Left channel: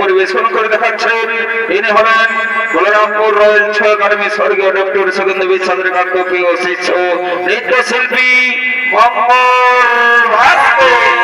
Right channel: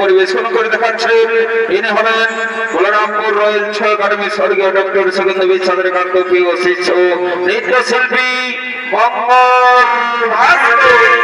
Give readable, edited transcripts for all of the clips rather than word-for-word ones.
পরিবেশন করে দেখাচ্ছেন ইনি হলেন বলরামপুর রয়্যাল ছয় একাডেমি স্বর্গীয় ডক্টর সুগন্ধ বিশ্বাসের কার্যকরী ও শিষ্য নৃত্যশিল্পী মঙ্গল ভাস্কর।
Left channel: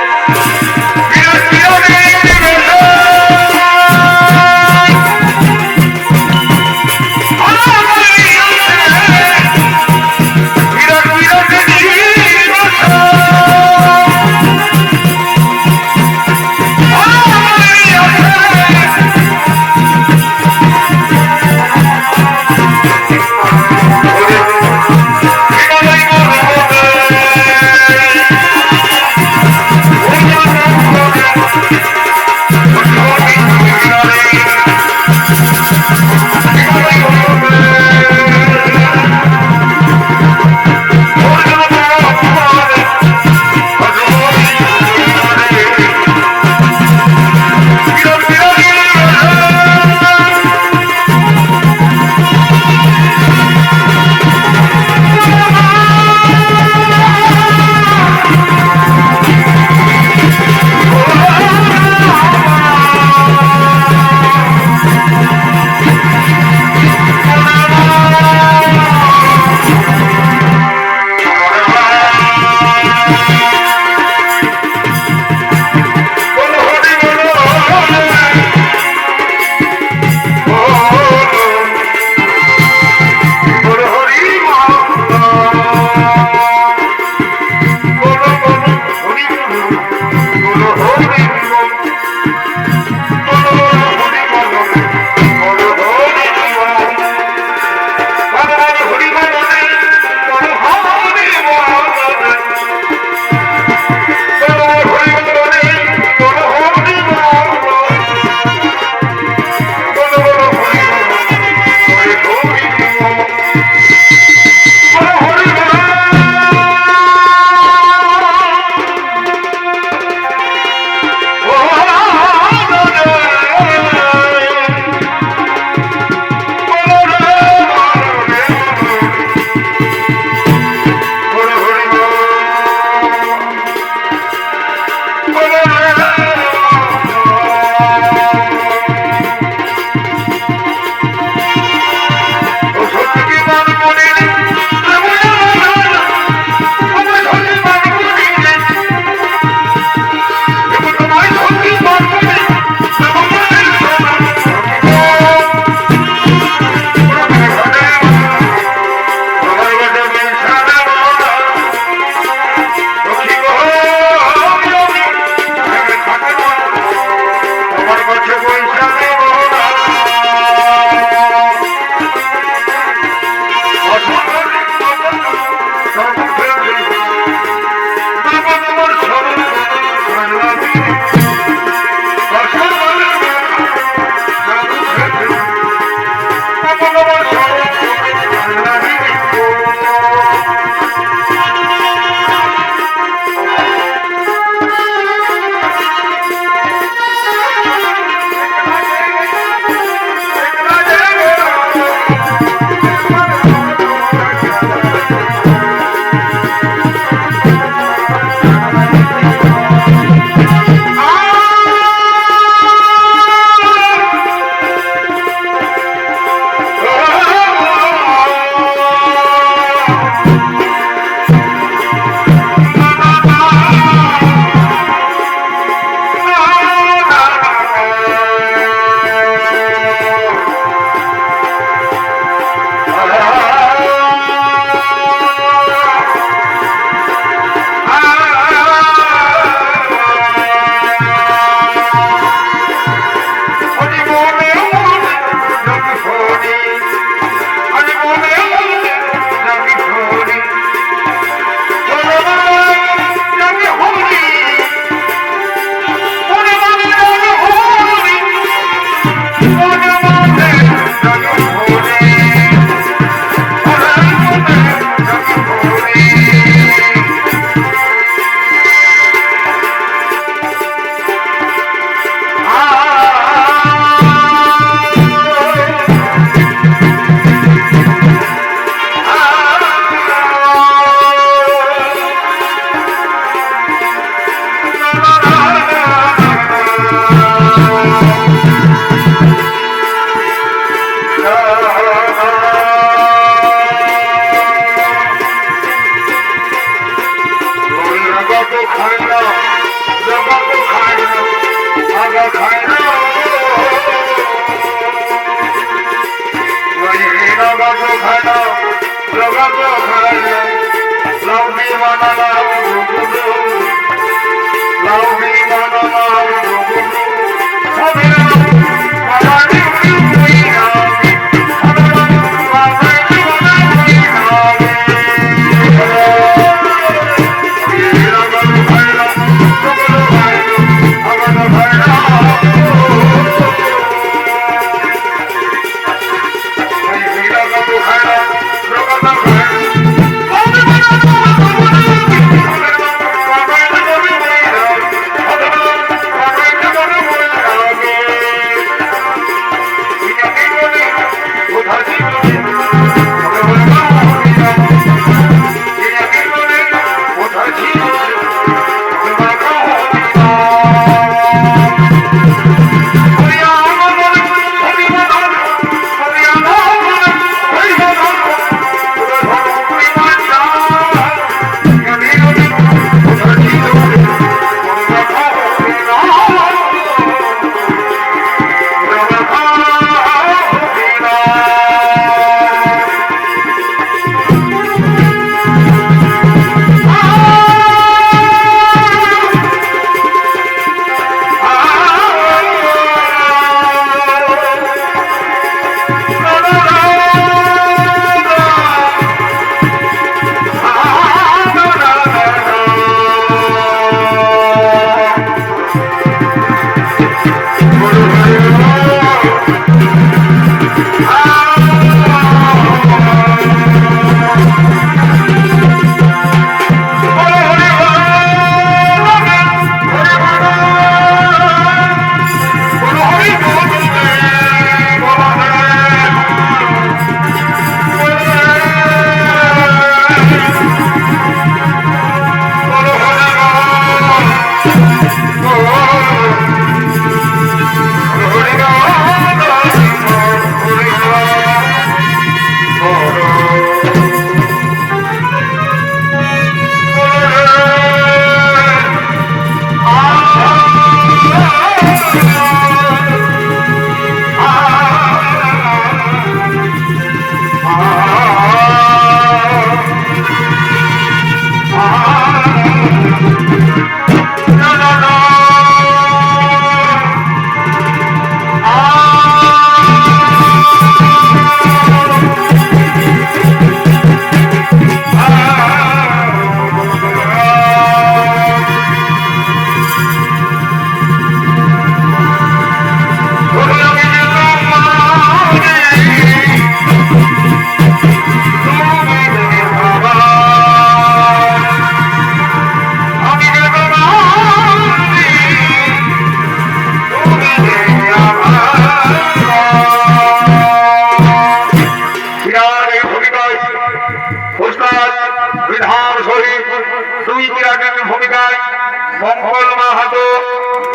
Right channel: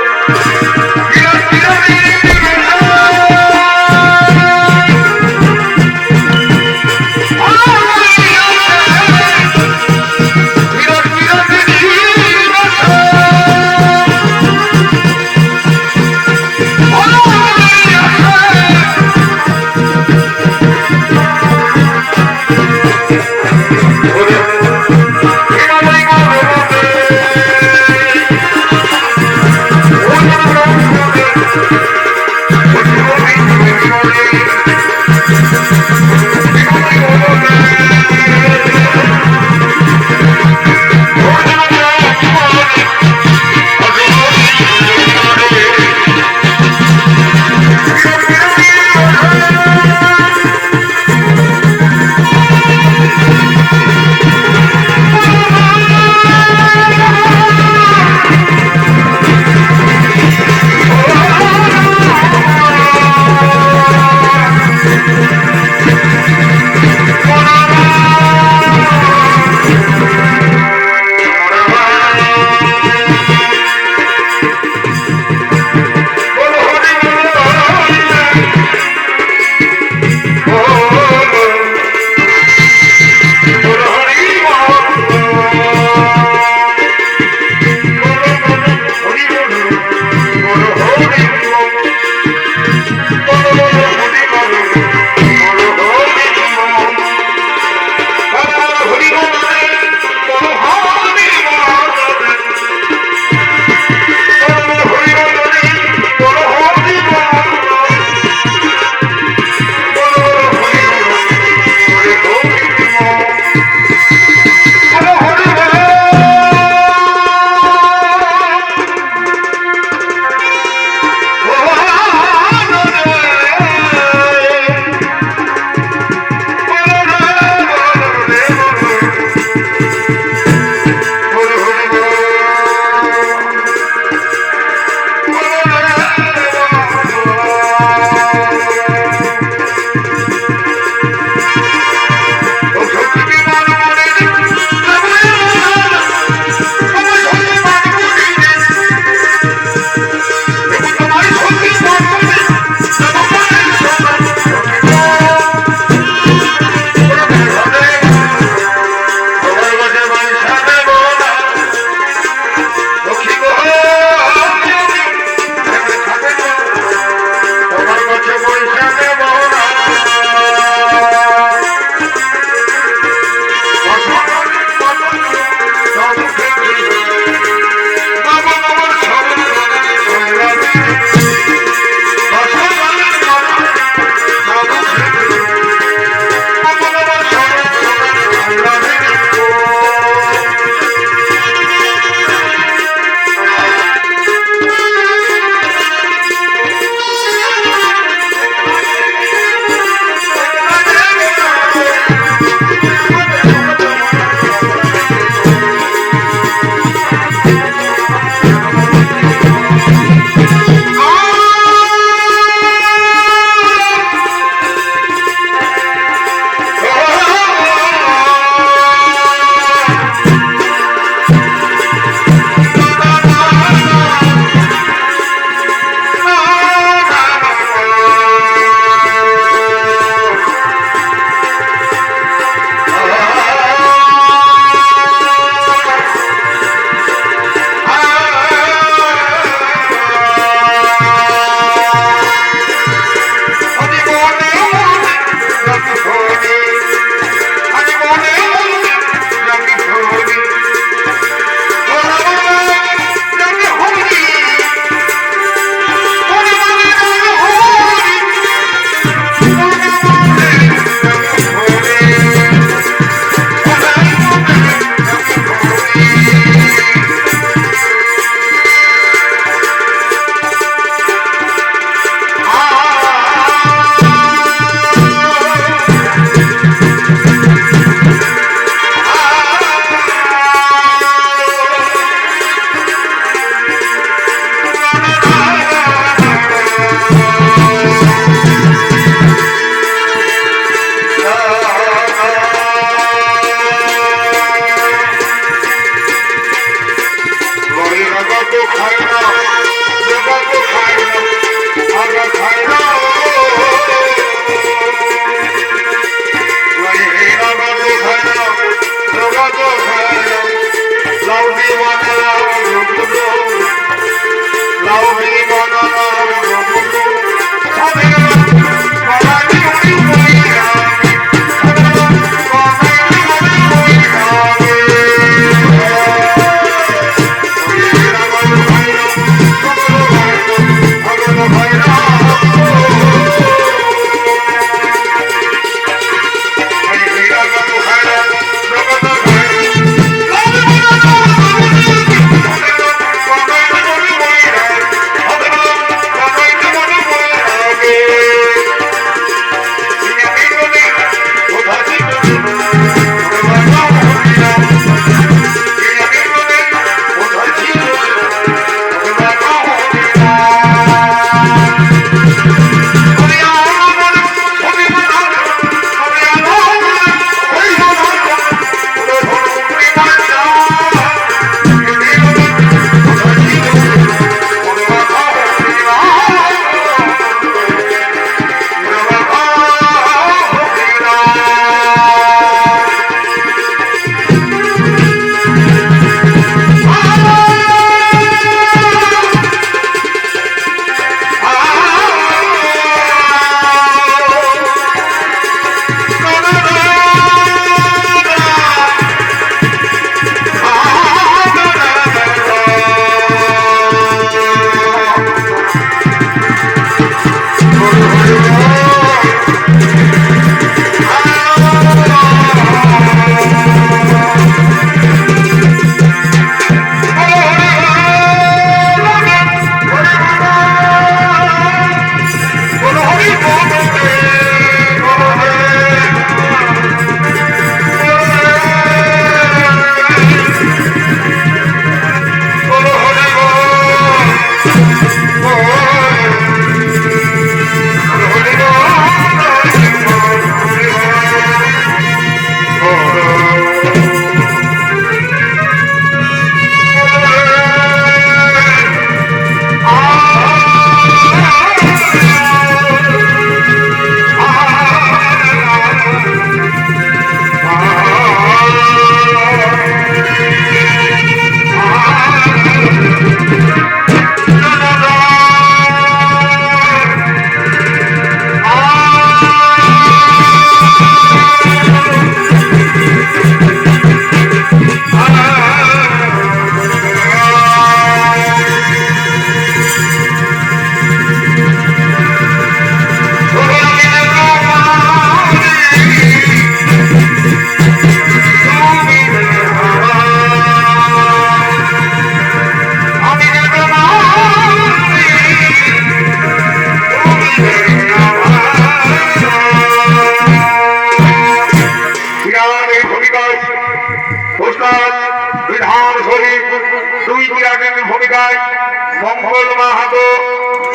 মঙ্গল মাহাতো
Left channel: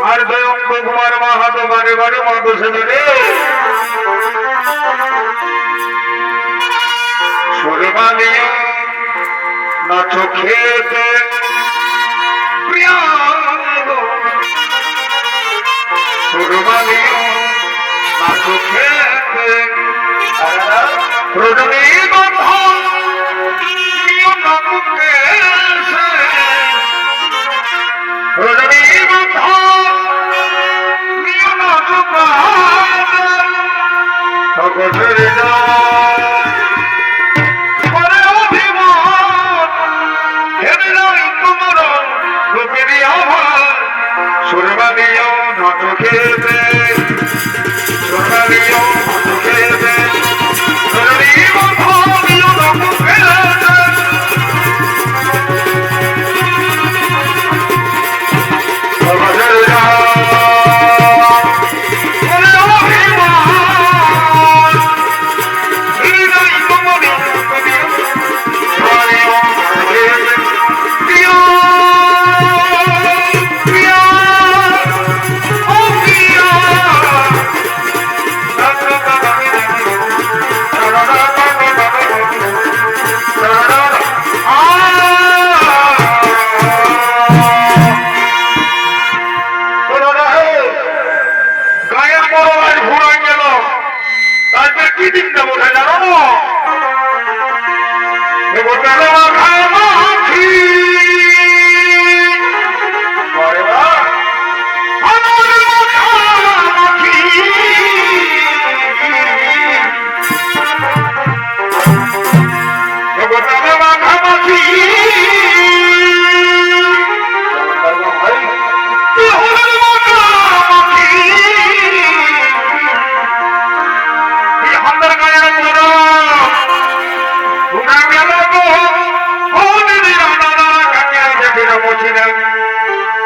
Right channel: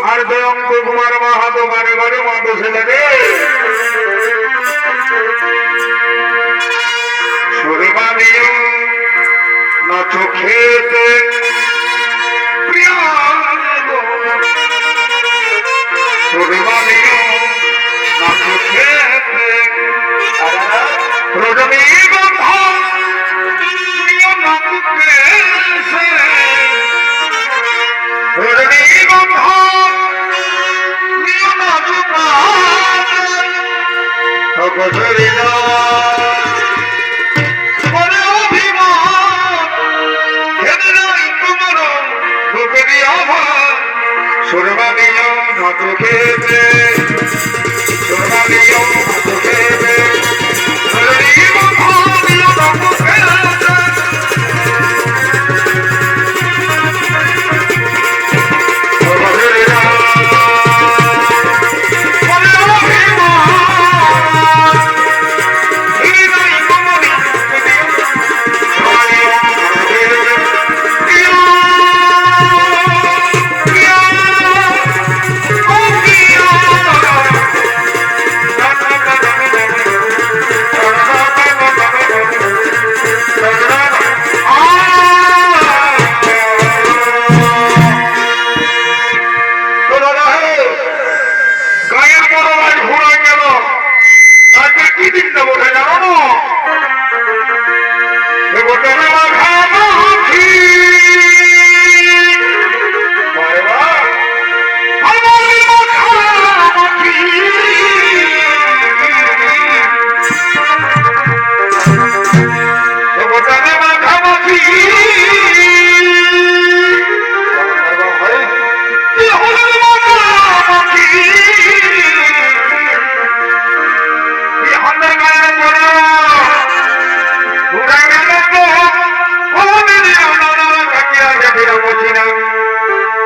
আর জয়ন্ত কুমার মাহাতো বাড়ি বাড়ি মতো ছেলে সুরবালিও নাচো খেতে সুরবালিও নাচো খেতে রজনীগন্ধা রজনীগন্ধা সুরবালিও নাচো খেতে সুরবালিও নাচো খেতে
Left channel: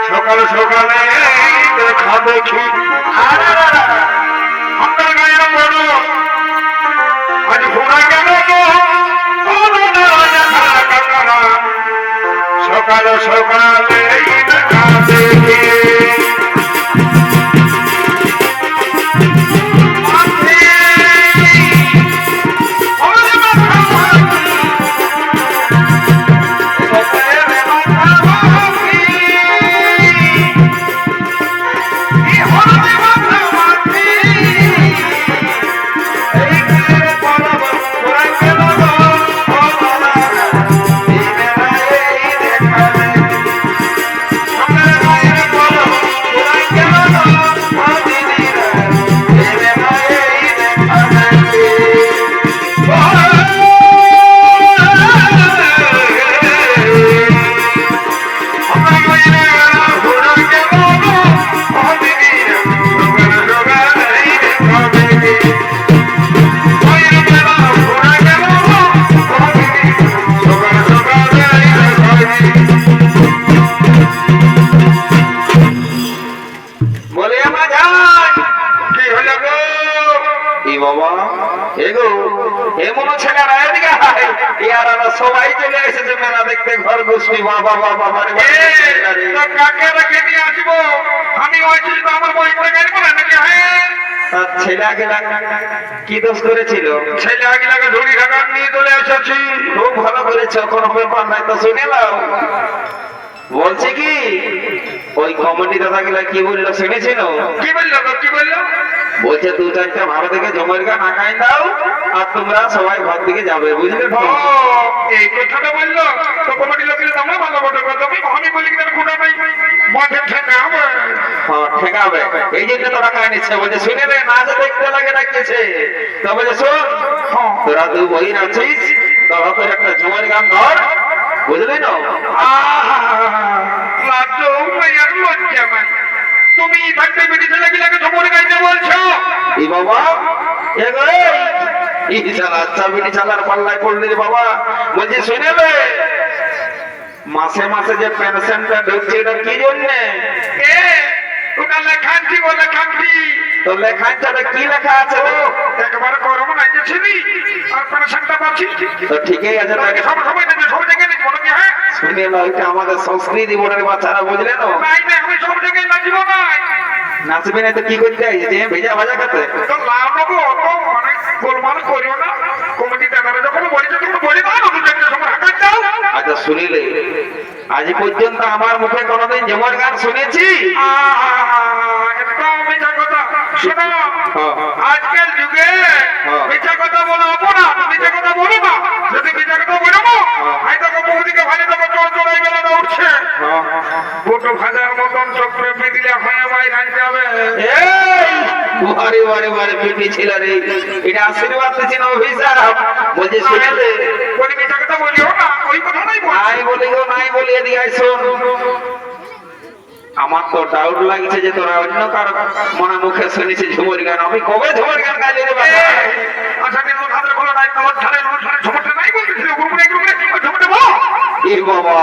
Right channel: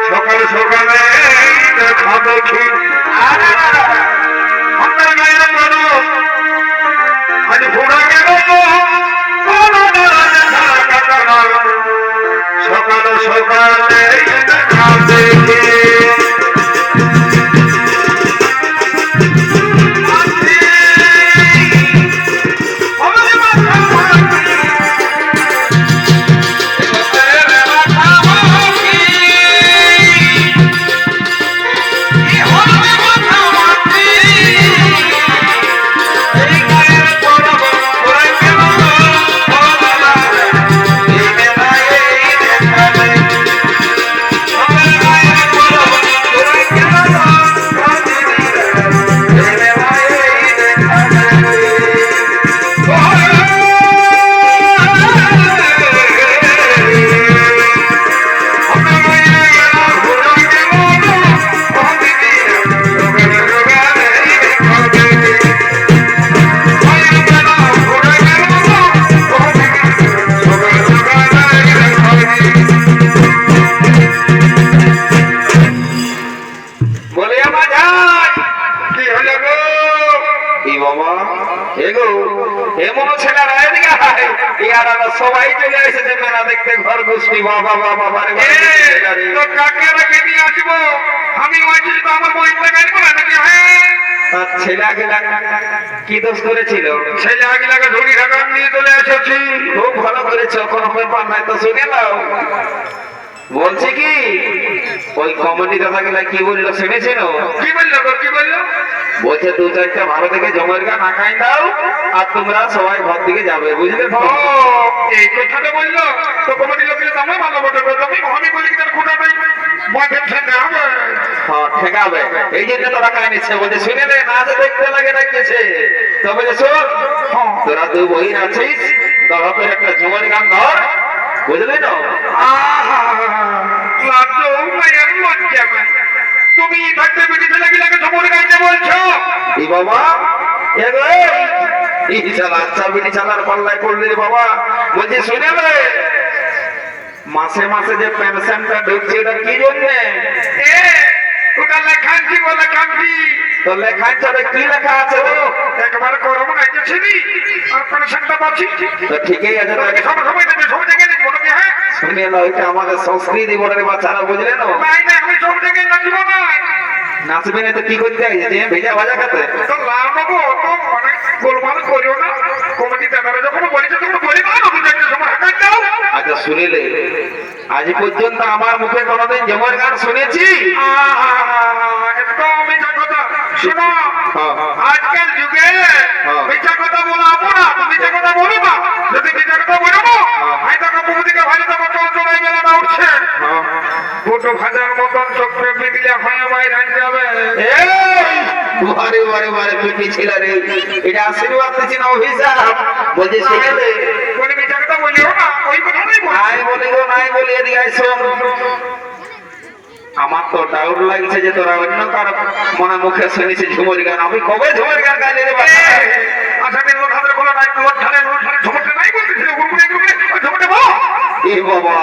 সকাল সকালে দেখা দেখি আপনার গায়ের বড় আজ ঘোরা গেল সকাল সকালে দেখা দেখি সবাই চলে এসেছে মেলা দেখতে ঘর গোষ্ঠী বাবা বাবা কাকে নিয়ে আসবো আমি আমার বইটা গাড়ি করে নাকি ছেলে আগে কি দোষ করেছিল ছেলে আগে ধরি ঢাকান নিয়ে চলে এসেছি খুব ভালো করেছো কোনো ব্যাপার নাই তো শুনে নাও বলছি কি ওই কমিটি দাদা গুলা কি বললো শুনেছিল কি বললো বলছে দু চারটা ভালো থেকে জমের গান আঁকাই দাও আর তোমরা সবাই ঘর দিকে যাবে বুঝলে এই কথাটা বললো তো কমিটি লোকের দামে ভালো বটে আমি বলি কিনা খুঁটা পাই মাঠে ঠেকাবে ঠেকাবে এই জন্য তোরা কাজ নিচ্ছে বলছে শুনে রে না দেখতে লাগে ডাকতেছে তো বলছে শোন তোরা দুই বহিন আছিস তোরা তো একটা জমের গান ধর বুঝলি না তুমি থাকতে বেটি ছেলে গিলাকে জমুর গাইতে বলছো এই বাবা আচ্ছা বেটি চালার পাল্লায় পড়লি বাবা বলছি শুনে রে মাসে মাসে যে পেনশনটা ঢুকছে এটা কি জন্য ওটা লেখানছি বলে কান্তি তো লেখায় যাবে কি লেখা আছে একবার গরম নাইতেছিলি আর পেনশনটা পাচ্ছি তো ঠিকই আছে তোকে সব সময় দেখবে সব জায়গায় দেখবো নাকি হ্যাঁ শুনে না ওইটা আমাদের সংস্কৃতি বোর্ডের বাচ্চারা বুঝলে না নাই না আমি সব জায়গায় নাচব না নাচবে না তো কি করতে হয় যে ভেজা ভাজা খাতে তো লাভ নেবো তো অনেক গোলমাল করিও না কমিটি দাদারা যখন বলেছে তখন বলি না নতুন একটা সময় হাঁটার যাও আচ্ছা শুনিলে আজ পর্যন্ত আমার মুখে কোনোদিন যেমন গান শুনেছি একদম মিথ্যা কথা শোনো হ্যাঁ। আজকাল যুগে হ্যাঁ। মিথ্যা কথা বলা হবো না তুমি মিথ্যা কথা বলো না যদি মিথ্যা কথা বলো না ভাই তখন প্রতিকে ভাই তখন চোর চোরাই বেলাটা উঠছে গোটো ভাজার মতন চক্রে বিদিলে হয়ে ভাই রাখতে হবে বারে বারে বারে পিটি ছিল রে এটা আশীর্বাদ দিচ্ছি না অভিশাপ বলছে শুনেলে বলে মিথ্যা কথা বলিও না ওই কথা নাই বল নাই বলি গো নাই বলি এদিকে আয় শোন আমার তো ডাউট লাগছে যে তোরা অন্য কারো মনে মুখে শুনেছি ঝুমুর গান আমি কবে ঝুমুর গান গাইলি রে বাবা আচ্ছা দিন লোক হাতের খোলা নাই লোক ধারে ঝুমুরটা নাই বলতেছিল গুরগুরে ঝুমুরটা বলো এ বাবা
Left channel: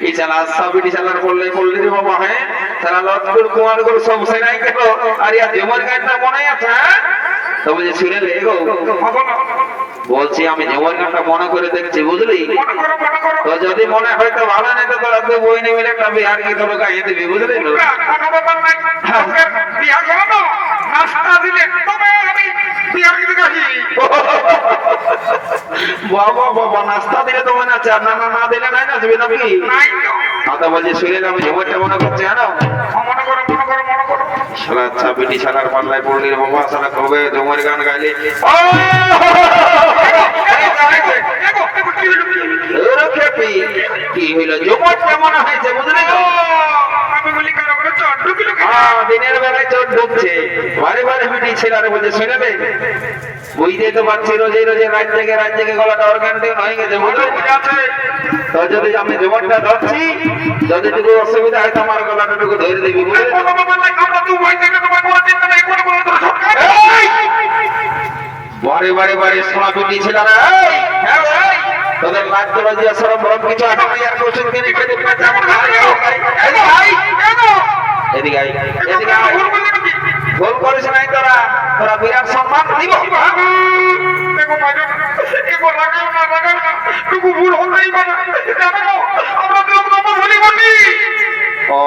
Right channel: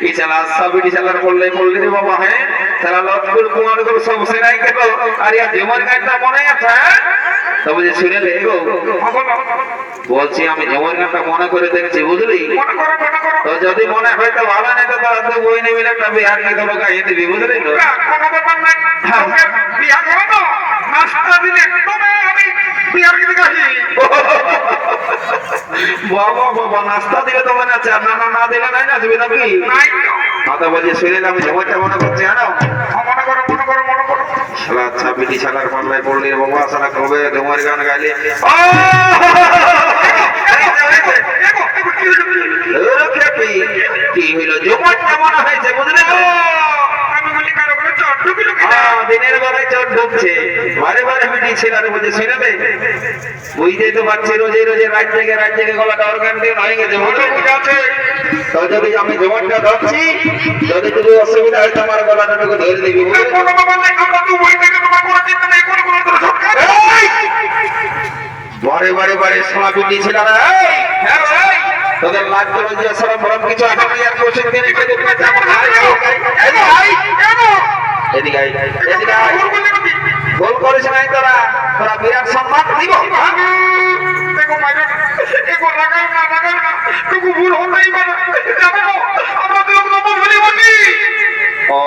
এই চালা সাবিটি চালার বললে বললি রে বাবা হ্যাঁ তারা লটকুর কুমার গুলো সব সেনাই গেল আর ইয়া ঝুমুর গানটা মনে আছে তবে যে শুনেলে গো বলছি আমি ঝুমুর গানটা মনে করে দেখছি বুঝলি তো যদি মনে হয় তো ভালো নেই তো তোরা তো বই নেবে একটা বিহার কি তোর গায়ে দিবি বুঝলি তো কোনো ব্যাপার নাই বিয়া করো তো নাস্তা দিলে তবে আমি বিহার গিয়ে গাহি বাবা বাবা নাস্তা দিলে তো মনে আছে আর না না দিলে নাই নাচবে নাকি নাই কথা বলছি শুনে আমি ঝুমুরটা মনে করছি জানো মনে করো মনে করো মনে করো শালা আচ্ছা পিটি শালার পাল্লায় পড়লি রে বাবা শালা কবে ঝুমুর গান গাইলে কি হইল ঝুমুর কেমন হয়েছে বুঝলে তো আমি বলি কারো করে চট ঢুকিল দিনের বেলায় চোট ঢুকছে বারে বারে পিটি ছেলেরা বলছে শুনে দে বুঝতেই তো পারছি রোজে রোজে রাত জেগে গলাটা অর্গান দিয়ে হয়ে গেছে আছে তো যদি আমি ঝুমুরটা ধরছি যদি টুকু অসুবিধা হয় আমার গলাটা টুকু ধরে দিবি কোনো ব্যাপার নাই আমরা তো বই থেকে তোমার কোনো চিন্তা নেই কোনো কোনো তোর সরকার বারে বারে বারে সোনা পিটি ছেলেরা হ্যাঁ ভাই তোদের লাগতো লজ্জা সরম বরম কিছু আছে না আর কোশ্চেন দিন খেতে পেতে আমার ভাই কেন এদিকে আই এদিকে আই গোল করেছ নাই তোরা তোরা বিরাট সম্মান দিব দেখো মাইরে এগো লাগাও না টুকু ভুল হতেই পারে জানো না আমরা তো লোক তো ভুলি বলি ও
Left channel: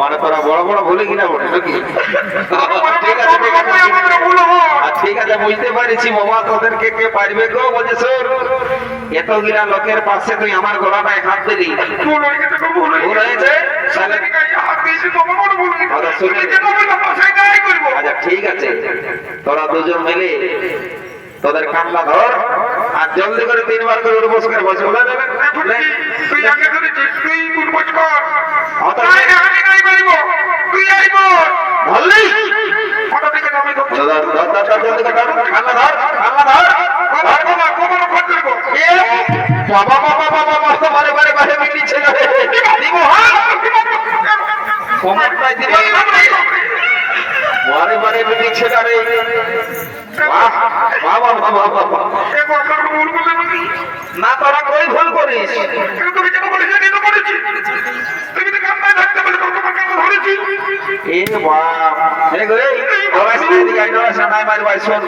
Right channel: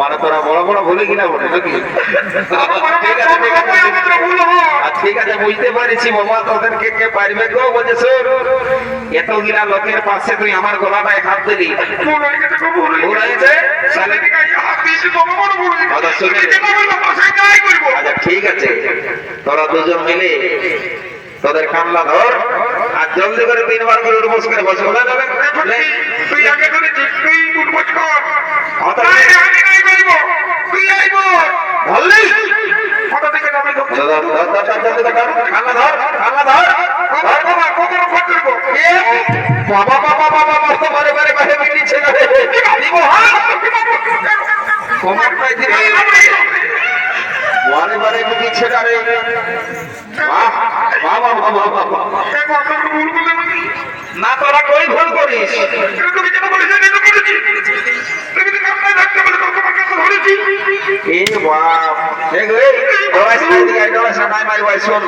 মানে তোরা বড় বড় ভুলে কিনা বলে নাকি ঠিক আছে বুঝতে পারছি বাবা তোদেরকে কে পারবে গো বলছে স্যার এত গিরা লোকের পাশে তুই আমার গলাটায় হাত দিলি ভুল হয়ে গেছে ভুল হয়েছে সালে হাত দিয়েছি বাবা বড় ভুল আচ্ছা শুনে আচ্ছা ঠিক আছে তোরা দুজন মিলে তোদের কামলা ধর আর জলদি করে 3 বার করে উঠবস করে বসে তুই আগে ধরেছিস তুই উঠবস কর আচ্ছা আমি নাই পারিব তুই আইব বললি কত থেকে যাবে তো জলদি করে কামলা ধর কখনো ফট করব বাবা বাবা বাবা মস্ত বারে বারে বারে মিলি ছেলে দিব হ্যাঁ কমাটাই দিবে বারে বারে মিলি ছেলে রে বাহ বাবা বাবা বাবা দেখো আমরা ভুল বলে বলি না তোরা কই ভুল করিস তুমি যেটা বলেছো সেটা করেছি তুমি তো কামনা ধরতে বলে তোমাকে ধরেছি এ বাপ এ গো তোরা সাইড গাইড ওরা সানাই মারি ভাই শোন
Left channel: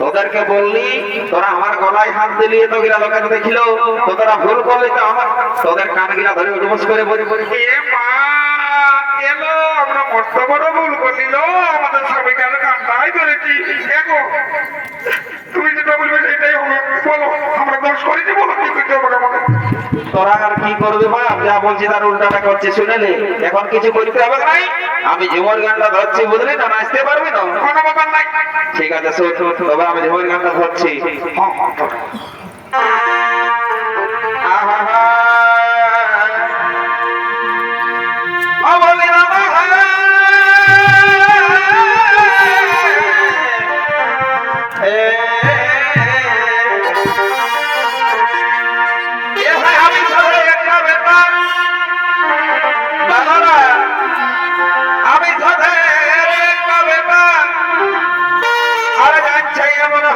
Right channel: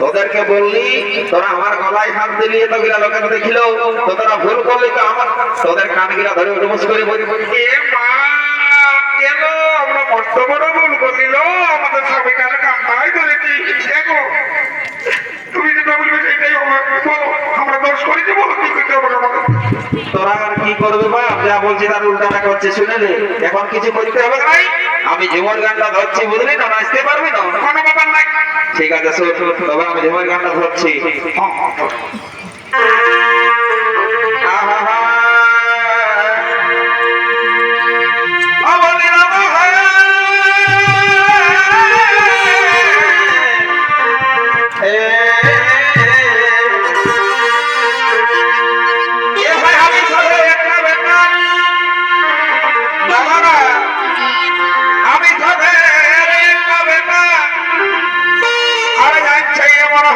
তোদেরকে বললি তোরা আমার গলায় হাত দিলি তো গিলা লোকের দেখিল তো তোরা ভুল করলি তো আমার তোদের কান গিলা ধরে উঠবস করে বলি বলি এ মা কেন আমরা মস্ত বড় ভুল করলিল আমাদের সবাই কালে কান্দাই ধরেছি দেখো তুমি যেটা বলবে সেটাই হবে বলো আমরা দোষ করেছি বলো কি করতে হবে আমাকে তোরা আর কি করবে বাপ যা বলছি তার উল্টাটা করছে শুনে নে এখন কিছু করতে হবে না আমি ঝুমুর গানটা ধরছি বুঝলি না নাচতে পারবি না কোনো ব্যাপার নাই ঠিক আছে শোন তবে আমি ঝুমুর গানটা ধরছি আহা অবলীলা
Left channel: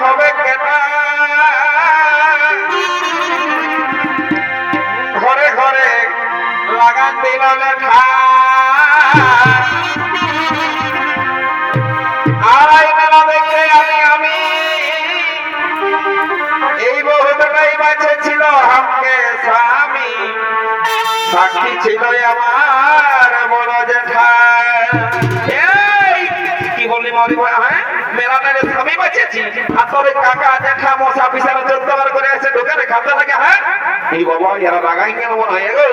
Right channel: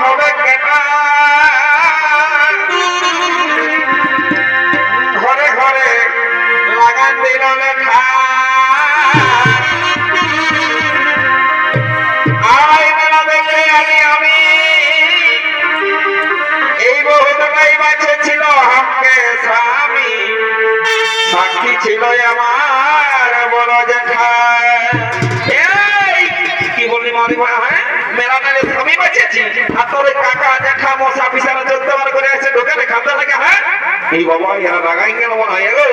হবে ঘরে ঘরে লাগান দিল লেখা ছিল আমার বড় জেঠাই। এই কি বললি মরি হ্যাঁ মেলাটারে আমি বাঁচিয়েছি আর তোর ওই কাকা জেঠা মশা পিছানা 14 বার করে আছে ঢোকারে খাতে লাগে হ্যাঁ এই বাবা এরা রাগাই কেন মনে হয় গো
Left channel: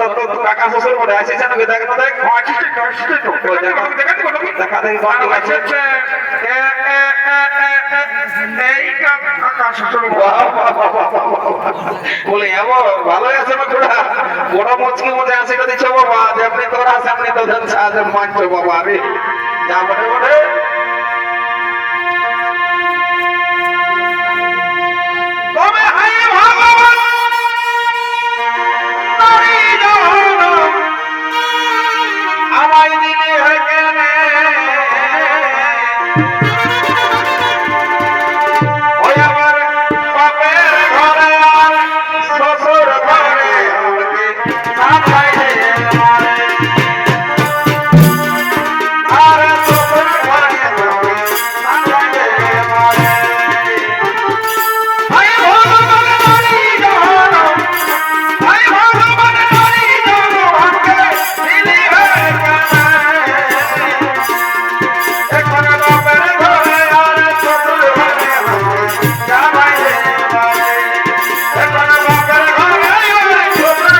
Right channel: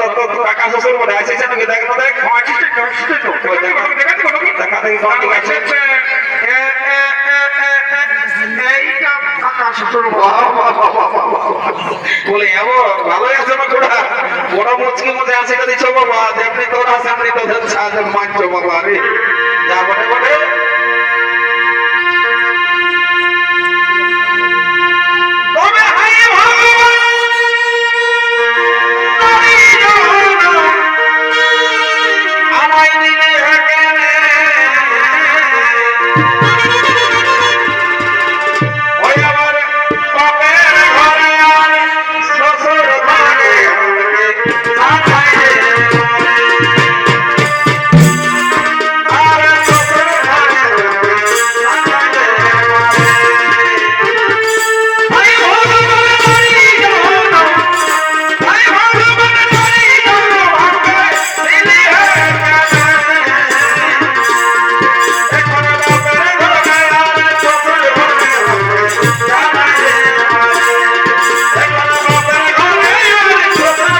তো কাকা শ্বশুর মনে আছে জানো কি দেখ না দেখ দেখা দেখি কত আছে এইটা কাকা শ্বশুর বলে এমন ভালোই আছে না তোরা বড় মুচকির মধ্যে আসিটা দিচ্ছ বাবা যেমনি তোরা সামনে তোদের সাহায্য মানছো বাবা রে যা বটে বটে তবে হাই ভগবান নারী জনম আমায় দিলে হেকেনে ওই আমার বাপের ঘরে আর শ্বশুর ঘরে আমাকে সাথায় রে মারে আর শ্বশুর ঘরে আমাকে সাথায় রে মারে হাই ভগবান নারী জনম হাই ভগবান নারী জনম আমাকে দিলে হেকেনে এখন বাপের ঘরে আর শ্বশুর ঘরে আমাকে সাথায় রে মারে এখন বাপের ঘরে আর শ্বশুর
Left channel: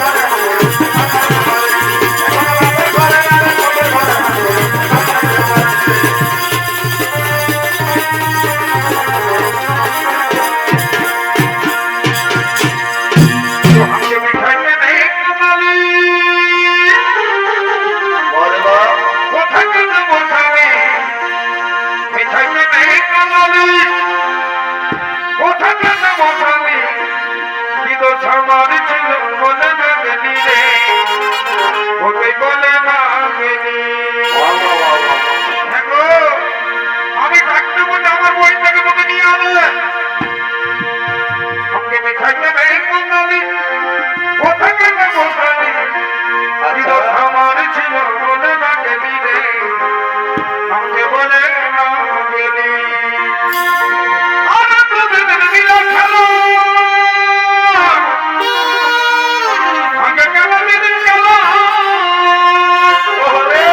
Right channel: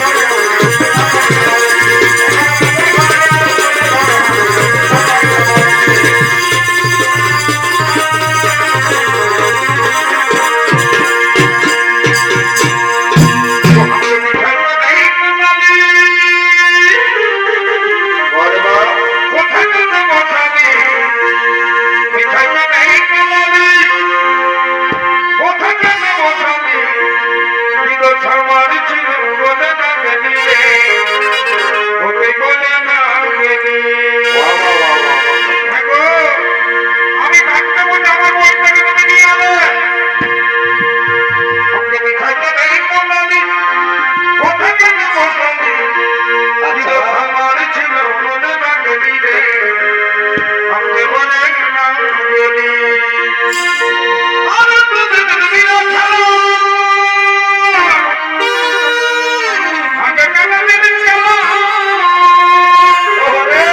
ঘরে আমি থাকতে বলে আমার বইটাকে তুমি নিয়ে আলে আপনি মিঠাইটা নেই কমালি কোথায় কেন বসালি দিদর আমার ছিল মনে না গেলি রে আমাকে বলে না গেলি আর তোদের দিল খেলো আগে কেন দিন গেল ওরে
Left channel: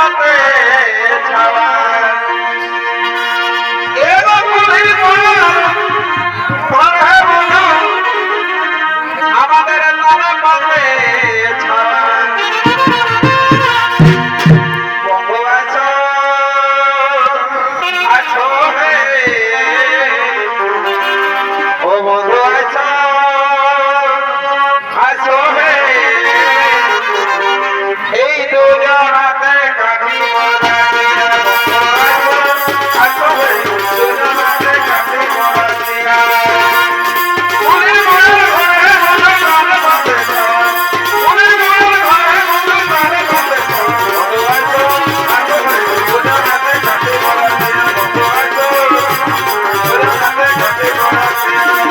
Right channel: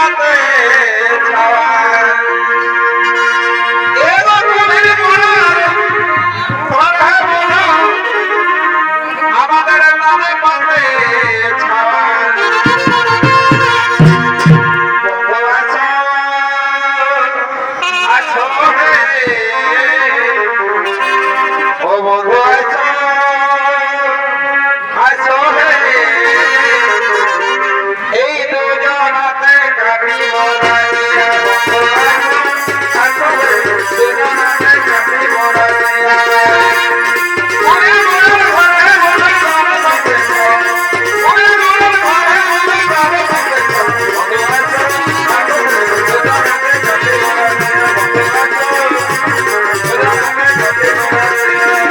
পথে ছাওয়া এবার বলি কথা বলো আমাদের নামে পথে ছাওয়া বন্ধু আছো আছো হে ও বন্ধু আছো আছো হে এই দুজনাতে কাটিব রাতিয়া বন্ধু আছো আছো হে দুজনাতে কাটিব রাতিয়া মনে মনে ঘরে মনে ঘরে বসে মনে মনে ঘরে মনে ঘরে বসে বন্ধু আছো আছো হে দুজনাতে কাটিব রাতিয়া বন্ধু আছো দুজনাতে কাটিব রাতিয়া